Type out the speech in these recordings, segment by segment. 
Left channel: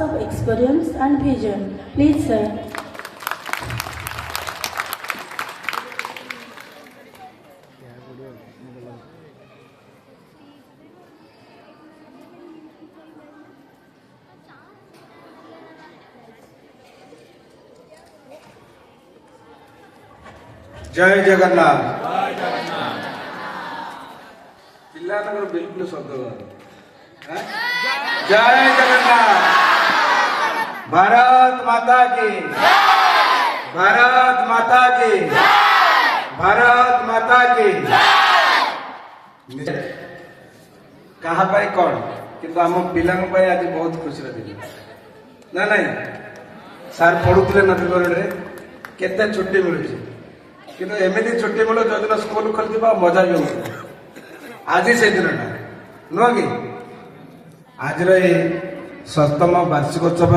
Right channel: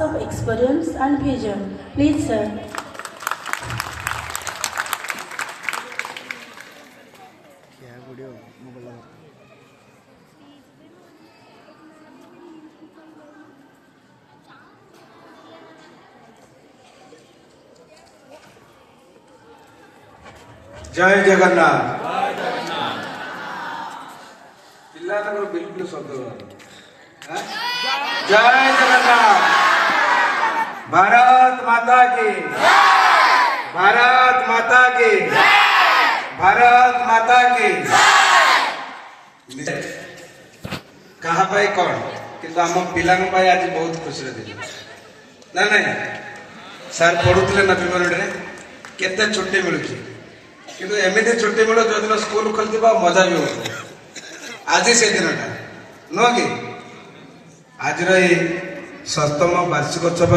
of experience and vision. Please, sir. जय जगन्नाथ पिल्लानगर बिल्कुल शब्द जय जगन्नाथ भारत माता की भारत माता की भारत माता की कहा पाई कौन किंतु आम पिला आज बहुत खुशी दिन ना नहीं सार पढ़ुले ना बिलरे केते छुट्टी मिलूची किंतु एमती छुट्टी मिले जो दिन स्कूल खोलती मजा भी होती आज से दिन नुह कि आज सप्तम वार्षिकोत्सव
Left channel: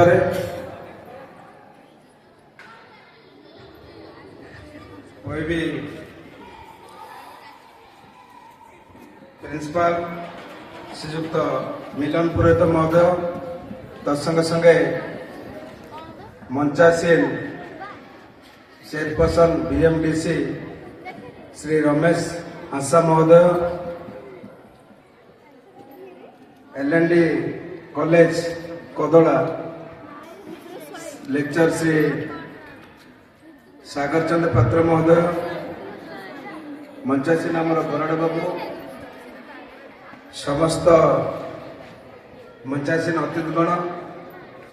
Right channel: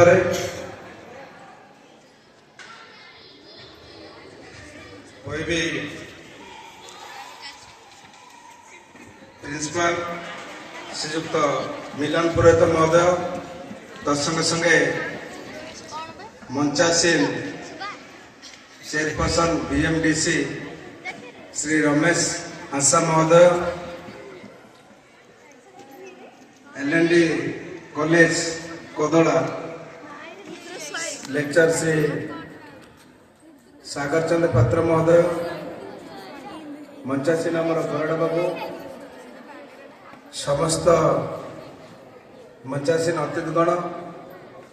प्रिंसिपाल श्रीजुक्त मिलन पुरोहित महोदय तत्संगे संगे मंचासीन चेयरपर्सन बीएमडीसी श्री रमेश हांसा महोदय एलएनडी कॉलेज कोदोला लेक्चर श्री सागर चंद्र पात्र महोदय मंचासीन आमर बराड़ बाबू समस्त मंचासीन अतिथिगण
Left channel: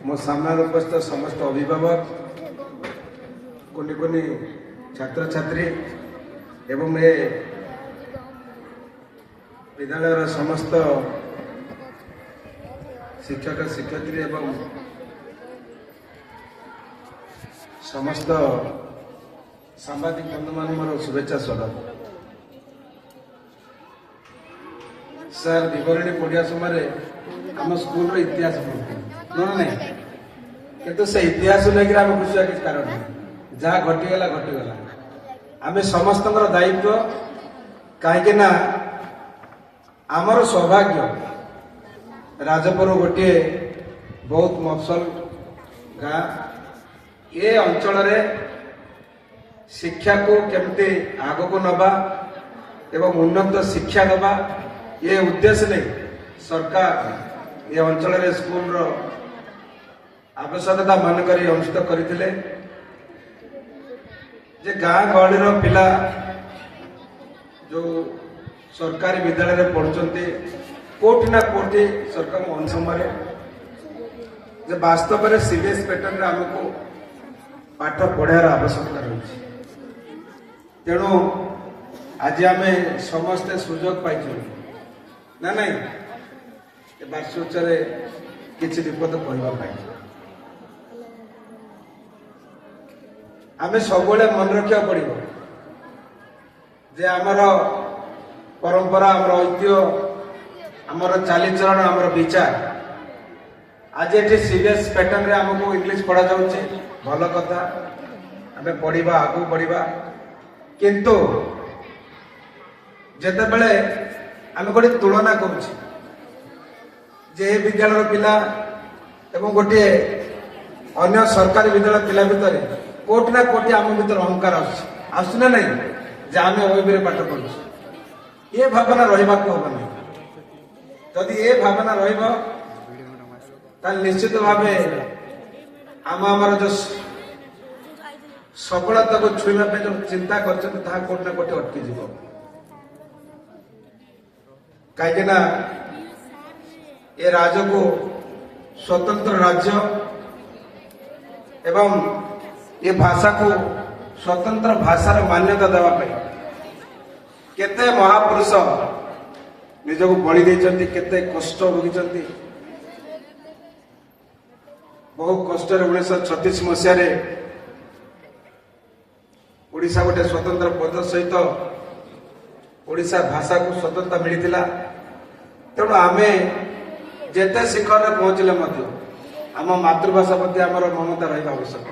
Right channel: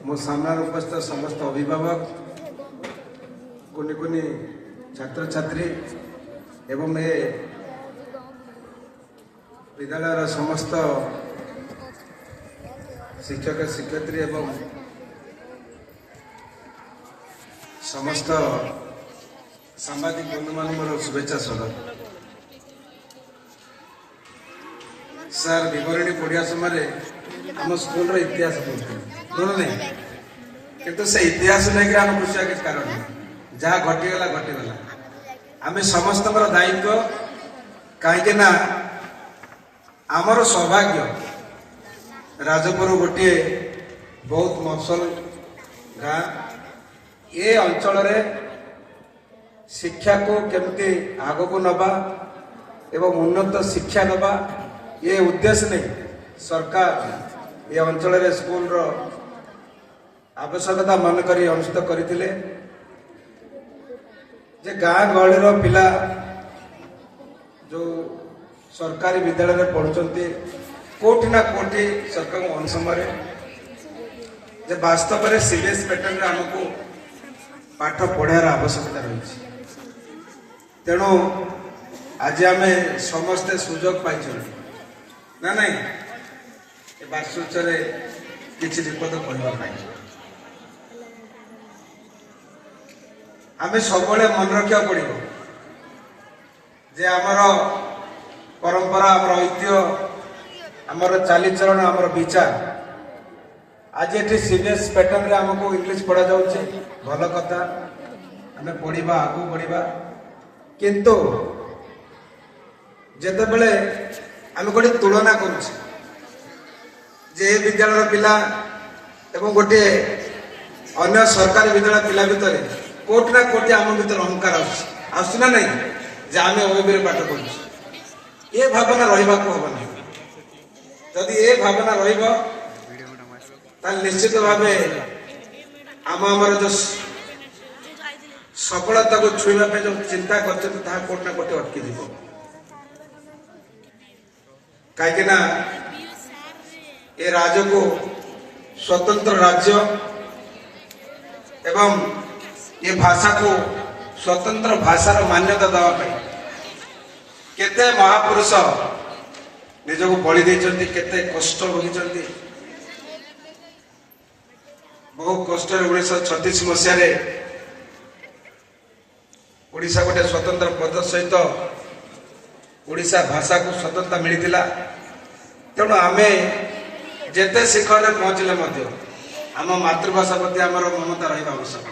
मो सामने उपस्थित समस्त अभिभावक कुनी कुनी छात्र छात्री एवं ए विद्यालय समस्त शिक्षक शिक्षयित्री एवं समस्त सांबादिक बंधु मान मोर शुभेच्छा स्वागत सर विवरणी पढ़िया समय आम स्कूल इतिहास पढ़ते नहीं किंतु से इतिहास लेकर आम खुशी किसी कारण नहीं जहाँ घटीगला घटीगला आम समस्त दायित्व कहीं आमर सौभाग्य राजपुर गोटे बहुत मफसल गाँ ये अंचल शिक्षा को केमती आग को नवा एवं उन्नत शिक्षा दबा ये उद्देश्य नहीं सरकार ये अंचल स्कूल आवश्यकता मन कर अनुष्ठित करते जे गाँ गहली पिला जो सरकारी विद्यालय पढ़ुंट कोटि ना कोटि सरकार अनुसमय जे वास्तव में सीबीएसई पैटर्न आमको पाठ पढ़ार आवश्यकता रही तेणु आज आम समस्ते सुजोग पाई ना नहीं वार्षिकोत्सव किसी विपद कहवाई आम सब मन रखा पड़ो जे आमर परंपरा आमर ऐतिह्य आमर चालीचरण आमर विचार आज ये सीबीएसई पैटर्न रे आमको इंग्लिश पढ़ा जाउछे भल कथा आम पढ़ा आगू बढ़ा किंतु जेते बेले आम गोटे तुलना करुचे जे विद्यालय पिला एवं गोटे अन्य सरकारी विद्यालय पिला भितर कोटि ना कोटि आम भर अहंकार आसना नहीं जे आम ओबी पाठ पढ़ु ये भावना रहा हबनी जदि ये भावना निश्चित भाव आम जो सफलता को छुईवा जो चिंता कर कोटि ना कोटि अटकी जीव कहीं ये राज्य को स्वतंत्र राज्य एवं ये भाषा को स्वतंत्र भाषार मान्यता देवाई केते महापुरुष निजक बलि देइचंती केते कष्ट भोगी बहु कष्ट 1936 मसीह ओडिशा गोटे स्वतंत्र पद सहित ओडिशा भाषा को स्वतंत्रता मिलता तेणु आमे जेते शिखर में पहुँचले आम मातृभाषा प्रति आमर ममता रहा आवश्यक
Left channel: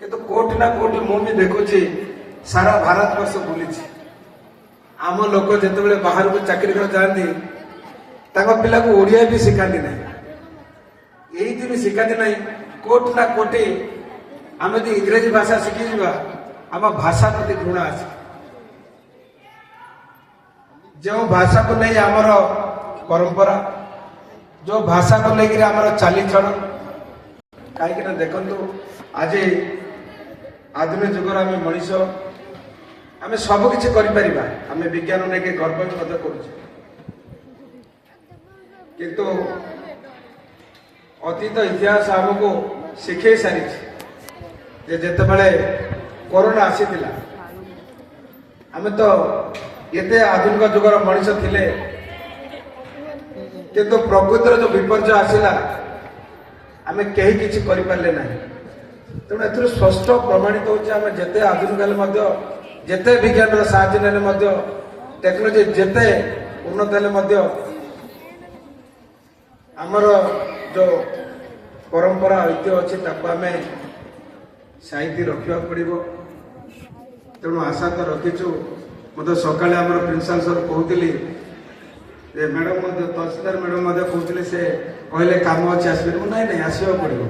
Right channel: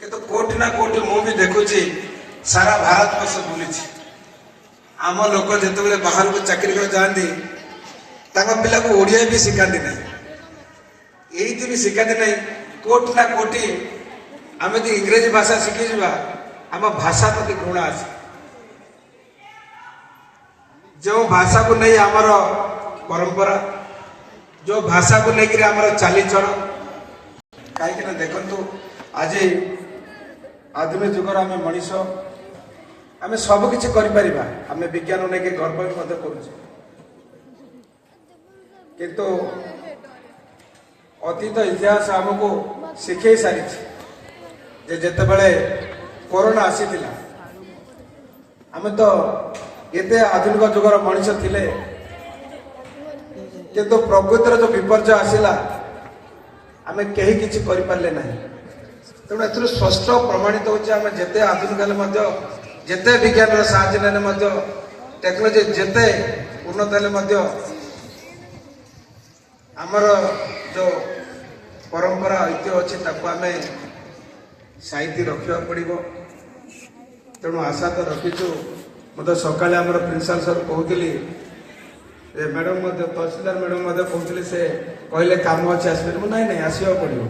किंतु कोटि ना कोटि मुझे देखुची सारा भारत वर्ष बुली आम लोक जिते बाहर को चाकरी कर जाती पिला को ओडिया भी शिखाती नहीं ଏଇଠି ବି ଶିଖାନ୍ତି ନାହିଁ କୋଉଠି ନା କୋଉଠି ଆମେ ଯଦି ଇଂରେଜୀ ଭାଷା ଶିଖିଯିବା ଆମ ଭାଷା ପ୍ରତି ଘୃଣା ଅଛି। ଯେଉଁ ଭାଷାକୁ ନେଇ ଆମର ପରମ୍ପରା, ଯେଉଁ ଭାଷାକୁ ନେଇକରି ଆମର ଚାଲିଚଳ, କାହିଁକି ନା ଦେଖନ୍ତୁ ଆଜି ଆଧୁନିକ ଯୁଗର ଆମେ ମଣିଷ, ଆମେ ସବୁ କିଛି କରିପାରିବା, ଆମେ ବିଜ୍ଞାନ ନେଇକି ଗର୍ବ ମଧ୍ୟ କରୁଛୁ। କିନ୍ତୁ ଅତୀତ ଇତିହାସ ଆମକୁ ଶିଖେଇ ସାରିଛି ଯେ ଯେତେବେଳେ କରୋନା ଆସିଥିଲା ଆମେ ତ ଏତେ ଆଧୁନିକ ଯୁଗର ମଣିଷ ଥିଲେ, କିନ୍ତୁ ପ୍ରକୃତିର ଯୋଉ ବିପର୍ଯ୍ୟୟ ଆସିଲା ଆମେ କେହି କିଛି କରିପାରିଲେ ନାହିଁ। ତେଣୁ ଏଥିରୁ ସ୍ପଷ୍ଟ ପ୍ରମାଣିତ ହେଉଛି ଆମେ ଯେତେ ଆଧୁନିକ ହେଲେ ମଧ୍ୟ, ଯେତେ ବିଜ୍ଞାନର ସାହାଯ୍ୟ ନେଲେ ମଧ୍ୟ, ଟେକ୍ନୋଲୋଜି ଯେତେ ଉନ୍ନତ ହେଲେ ମଧ୍ୟ ଆମର ଯୋଉ ପରମ୍ପରା ଐତିହ୍ୟ ଅଛି ତାକୁ ଆମେ ସାଇତି ରଖିବାକୁ ପଡ଼ିବ। ତେଣୁ ଆଶା ତ ରଖିଛୁ। ମୁଁ ତ ସକାଳେ ଆମର ପ୍ରିନ୍ସିପାଲ ସାର୍ କହୁଥିଲି, ମ୍ୟାଡ଼ାମ ମଧ୍ୟ ତହସିଲଦାର ମ୍ୟାଡ଼ାମ ମଧ୍ୟ କହୁଥିଲେ, ସେ କହିଲେ କାମ ଅଛି ଆସିବେ। ମୁଁ ନାଇଁ ନାଇଁ ଆସିବାକୁ ପଡ଼ିବ,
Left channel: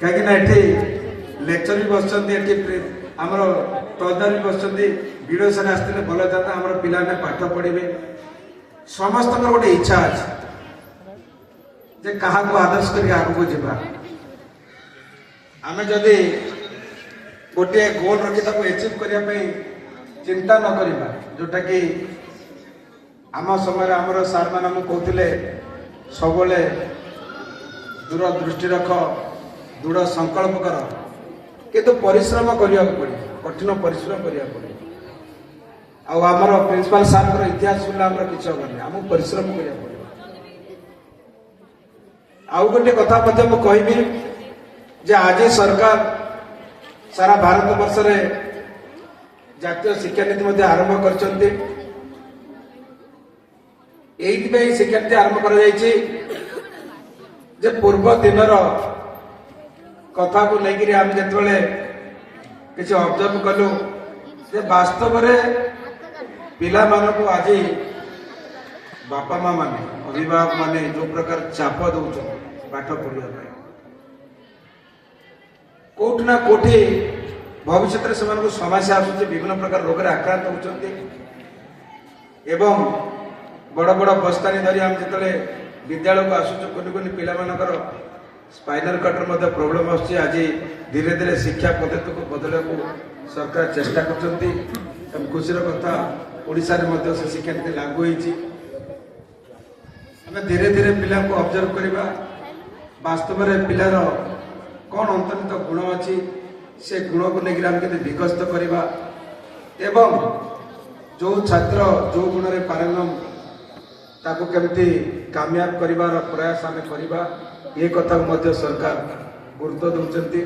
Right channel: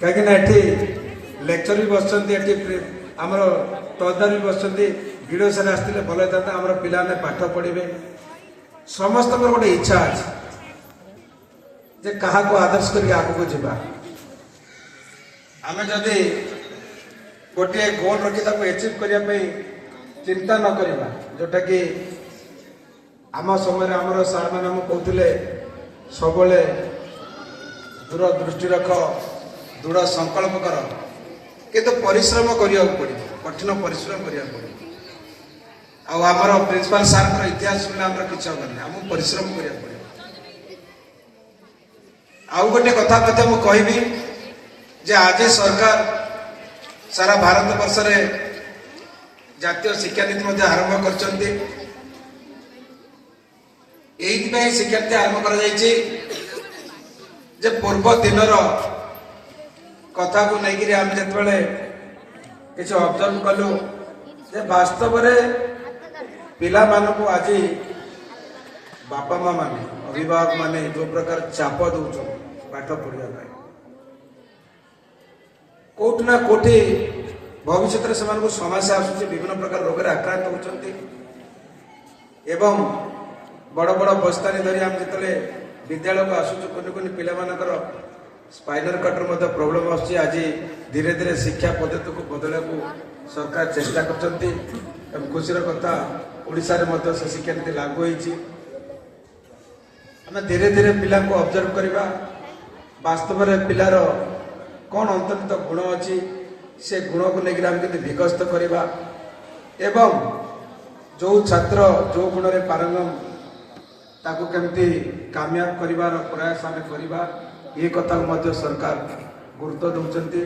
କାହିଁକି ନା ଏଠି ଲେକ୍ଚର ବି ବସୁଛନ୍ତି, ଏଠି ଆମର ତହସିଲଦାର ବି ବସୁଛନ୍ତି। ଭିଡ଼ିଓ ସାର୍ ଆସିଥିଲେ ଭଲ ହେଇଥାନ୍ତା, ଆମର ପିଲାମାନେ ପାଠ ପଢ଼ିବେ। ସମସ୍ତଙ୍କର ଗୋଟେ ଇଚ୍ଛା ଅଛି ଯେ କାହାକୁ ଆଦର୍ଶ କରି ଆଗକୁ ଯିବା। ଆମେ ଯଦି ଗୋଟିଏ ଗୋଲ ରଖି ତାକୁ ଏଚିଭ୍ କରିବା ପାଇଁ ଚିନ୍ତା ନ କରିବା, ଯୋଉଟା କି ଆମ ସମୟରେ ଆମର ସାର୍ ମାନେ ଆମକୁ କହୁଥିଲେ ସବୁବେଳେ ଦୂର ଦୃଷ୍ଟି ରଖ, ଦୃଢ଼ ସଂକଳ୍ପ କର, କିନ୍ତୁ ପରିଶ୍ରମ କରିବାକୁ ପଡ଼ିବ, କଠିନ ପରିଶ୍ରମ କରିବାକୁ ପଡ଼ିବ। ଆଉ ଆମର ପ୍ରିନ୍ସିପାଲ ସାର୍ଙ୍କର ଇତିହାସ ଶୁଣିଲେ ଆମର କିଛି ହବନି, ଆମକୁ ପରିଶ୍ରମ କରିବାକୁ ପଡ଼ିବ। ଆଉ ଗୋଟେ କଥା ମଧ୍ୟ ମୁଁ କହିବି ଯେ ଆଜି ସରକାର ସାରା ଭାରତ ବର୍ଷରେ ଜାତୀୟ ଶିକ୍ଷାନୀତି ମଧ୍ୟ ଆରମ୍ଭ କରିଛନ୍ତି। ଏଇଥିପାଇଁ ଶିକ୍ଷାନୀତି ଆରମ୍ଭ କରାଯାଇଛି ଯେ ପୂର୍ବ ଦିନର କଥାକୁ ନେଇକରି ଆମେ ଯେତେବେଳେ କିଛି ଅବଜର୍ଭ କଲୁ ଯେ ବାସ୍ତବରେ ପିଲାମାନଙ୍କୁ ଆଜି ବାପା ମା ମାନେ, ଅଭିଭାବକ ମାନେ ଯୋଉ ପ୍ରକାର ଚାପ ଦଉଛନ୍ତି ପାଠ ପଢିବା ପାଇଁ, କୋଉଠି ନା କୋଉଠି ଭବିଷ୍ୟତରେ ସେମାନଙ୍କୁ ସମସ୍ୟା ଆସୁଛି, ବିଭିନ୍ନ ପ୍ରକାର ରୋଗରେ ଆକ୍ରାନ୍ତ ହେଉଛନ୍ତି। ଏବଂ ବଡ଼ ବଡ଼ ବସ୍ତାନି ଧରି ଆମେ ଯେତେବେଳେ ବିଦ୍ୟାଳୟକୁ ଆସୁଛୁ, కొన్ని కొన్ని ପିଲାମାନଙ୍କର ସ୍ପାଇନାଲ କଟର ମଧ୍ୟ ପ୍ରୋବ୍ଲେମ ଆସୁଛି। ଆଜି ଧୀରେ ଧୀରେ ଶିକ୍ଷା ପଦ୍ଧତିକୁ ବଦଳାଇବାକୁ ସରକାର ଚେଷ୍ଟା କରୁଛନ୍ତି। ଖୁସିର କଥା, ଓଡ଼ିଶାରେ ମଧ୍ୟ ସେ ଶିକ୍ଷାନୀତି ଲାଗୁ ହୋଇଛି। ଆମେ ଧୀରେ ଧୀରେ ପିଲାଙ୍କୁ ଅବଜର୍ଭ କରିବା, ବାସ୍ତବରେ ପିଲାର କ'ଣ ଅନ୍ତର୍ନିହିତ ଗୁଣ ଅଛି, ସେ ଗୁଣକୁ ନେଇକି ଆମେ କେମିତି ବିକଶିତ କରିବା ଏବଂ ଯୋଉ ଛାତ୍ର ଯୋଉ ଗୁଣରେ ପାରଙ୍ଗମ ତାକୁ କେମିତି କାମୟାବ କରିବାର ପ୍ରୟାସ ଆମେ କରିବା, ଏ କଥାକୁ ମଧ୍ୟ ସରକାର ଗୁରୁତ୍ୱ ଦେଉଛନ୍ତି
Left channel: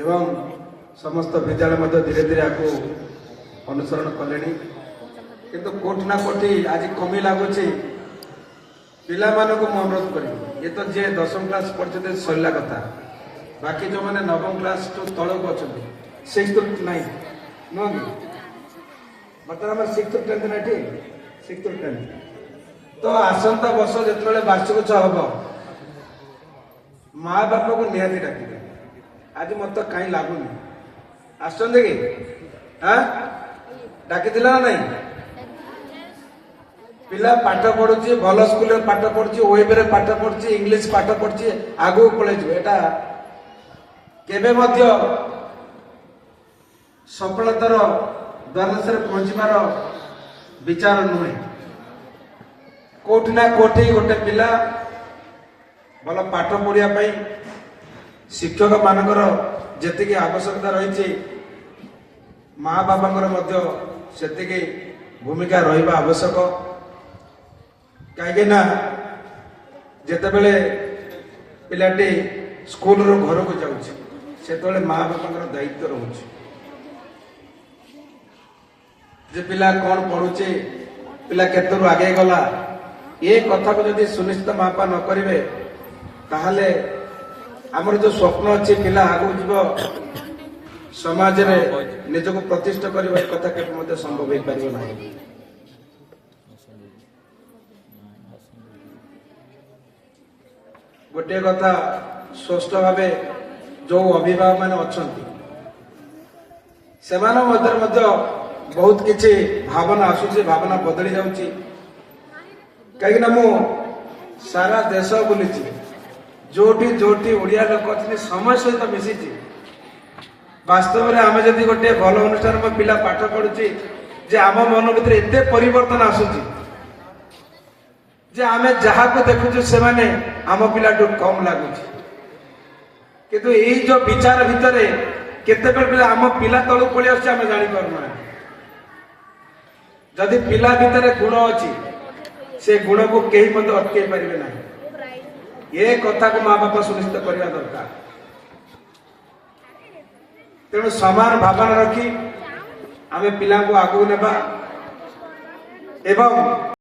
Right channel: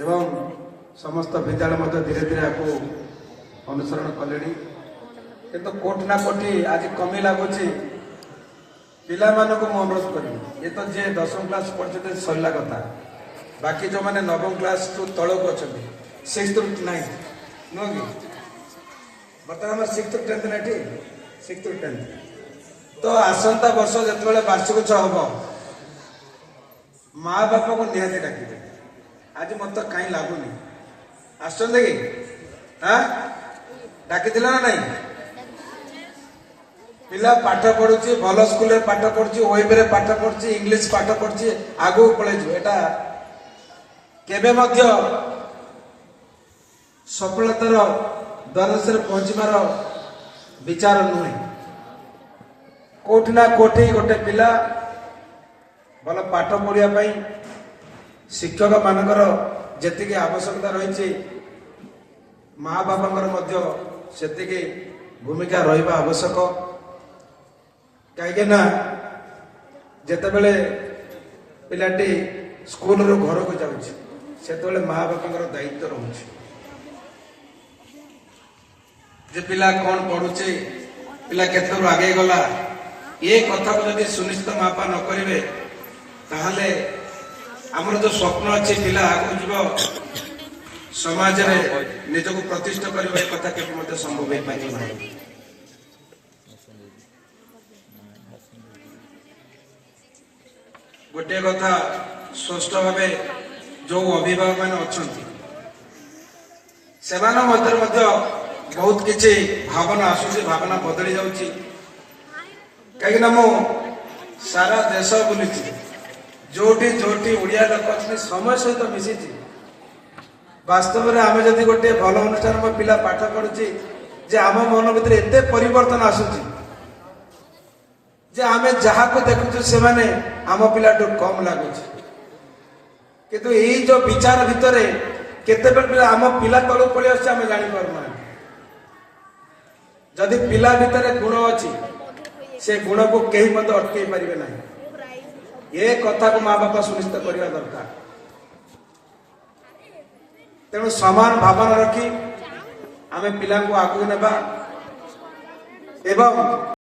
ଏବଂ ସମସ୍ତ ବିଦ୍ୟାଳୟ ମଧ୍ୟ ଧୀରେ ଧୀରେ ଆକୁ ଅନୁସରଣ କଲେଣି। କିନ୍ତୁ କୋଉଠି ନା କୋଉଠି ଆଜି କମି ଲାଗୁଛି। ପିଲାମାନଙ୍କୁ ମୁଁ ଅନୁରୋଧ କରିବି, ଏ ତ ଯିଏ 10ମ କ୍ଲାସ ପଢୁଛନ୍ତି ସରିଲା କଥା, ବାକି ଯୋଉମାନେ 9ମ କ୍ଲାସ ତଳକୁ ଅଛନ୍ତି, 6th to 9th ନୁହଁ କି, ବର୍ତ୍ତମାନ ଆମର 6th to 10th ନା ଏଠି 6th to 10th। ତ ଆସନ୍ତା ବର୍ଷ ଯେତେବେଳେ ବାର୍ଷିକ ଉତ୍ସବ ହବ, ମା ବାପାକୁ ନିହାତି ଡାକିବେ। ଆଜି ମତେ କାହିଁ ଲାଗୁନି ଆସୁଛନ୍ତି କି, ଡାକିଥିଲେ ନା ନାଇଁ? ପିଲା ପାଠ ପଢୁଛି, ଭଲ ସ୍କୁଲରେ ପାଠ ପଢୁଛି, ୱେବରେ ପାଠ ପଢୁଛି, ଇଂଲିଶ ପାଠ ପଢୁଛି, ଆଗକୁ ପଳେଇଯିବ। ଏଟା କେବେ ମଧ୍ୟ ସଫଳତାର ଦ୍ୱାଦଶରେ ପହଞ୍ଚିବାର ବିଚାର ନୁହେଁ। କୋଉଠି ନା କୋଉଠି ଗୋଟେ ପିଲା ଭଲ ପାଠ ପଢିବା ପାଇଁ ଶିକ୍ଷକ ମାନଙ୍କର ଯେତିକି ଆବଶ୍ୟକତା ରହିଛି, ମା ବାପାଙ୍କର ମଧ୍ୟ ସେତିକି ଭୂମିକା ରହିବା ଆବଶ୍ୟକ। କାହିଁକି ନା ଯେତେବେଳେ ପିଲାଟି ସ୍କୁଲରୁ ଘରକୁ ଯାଉଛି, ସେତେବେଳେ ମା ବାପାଙ୍କର ଦାୟିତ୍ୱ ରହୁଛି ଯେ ପିଲା କ'ଣ ପଢୁଛି, ପିଲା କେତେରୁ ଆଗେଇ ଗଲା, ଏ କଥାକୁ ଯଦି ସୁନିଶ୍ଚିତ ମା ବାପା ନ କରିବେ, ତାହେଲେ ଆମର ଯୋଉ ସ୍ୱପ୍ନ ଅଛି ପିଲା ଆଗକୁ ଯିବ, ସମାଜରେ ନିଜକୁ ପ୍ରତିଷ୍ଠା କରିବା, ଏ କଥା କେବେ ମଧ୍ୟ ସମ୍ଭବ ହେଇପାରିବ ନାହିଁ। गोटे कथा स्पष्ट भाव जो अभिभावक मैंने अच्छा से बहुत किसी भावना आसूसी भावना बदली जाऊँगी कहीं मु सारा देश बुली जोटी जोटी ओडिया लोक अच्छे समय सहित मिसी वास्तव में आम जदि गोटे भल अनुष्ठान मो पिला पाठ पढ़ुची जे आम मन भीतर एते परिवर्तन आसूची जे आमे जहाँ को देखुଛୁ से माने आम पिलाठू कम लगुच किंतु यही जो विचार भितर केते पिला आम पिला तल पड़े आम जानी पारना जदि पिला भितर गुण अच्छी से गुण को कहीं मत अटके पारे ना ये कथा को माँ बापा सुनिश्चित करने दरकार तेणु समान भावना रखी आमे पिला को आगू नेबा एवं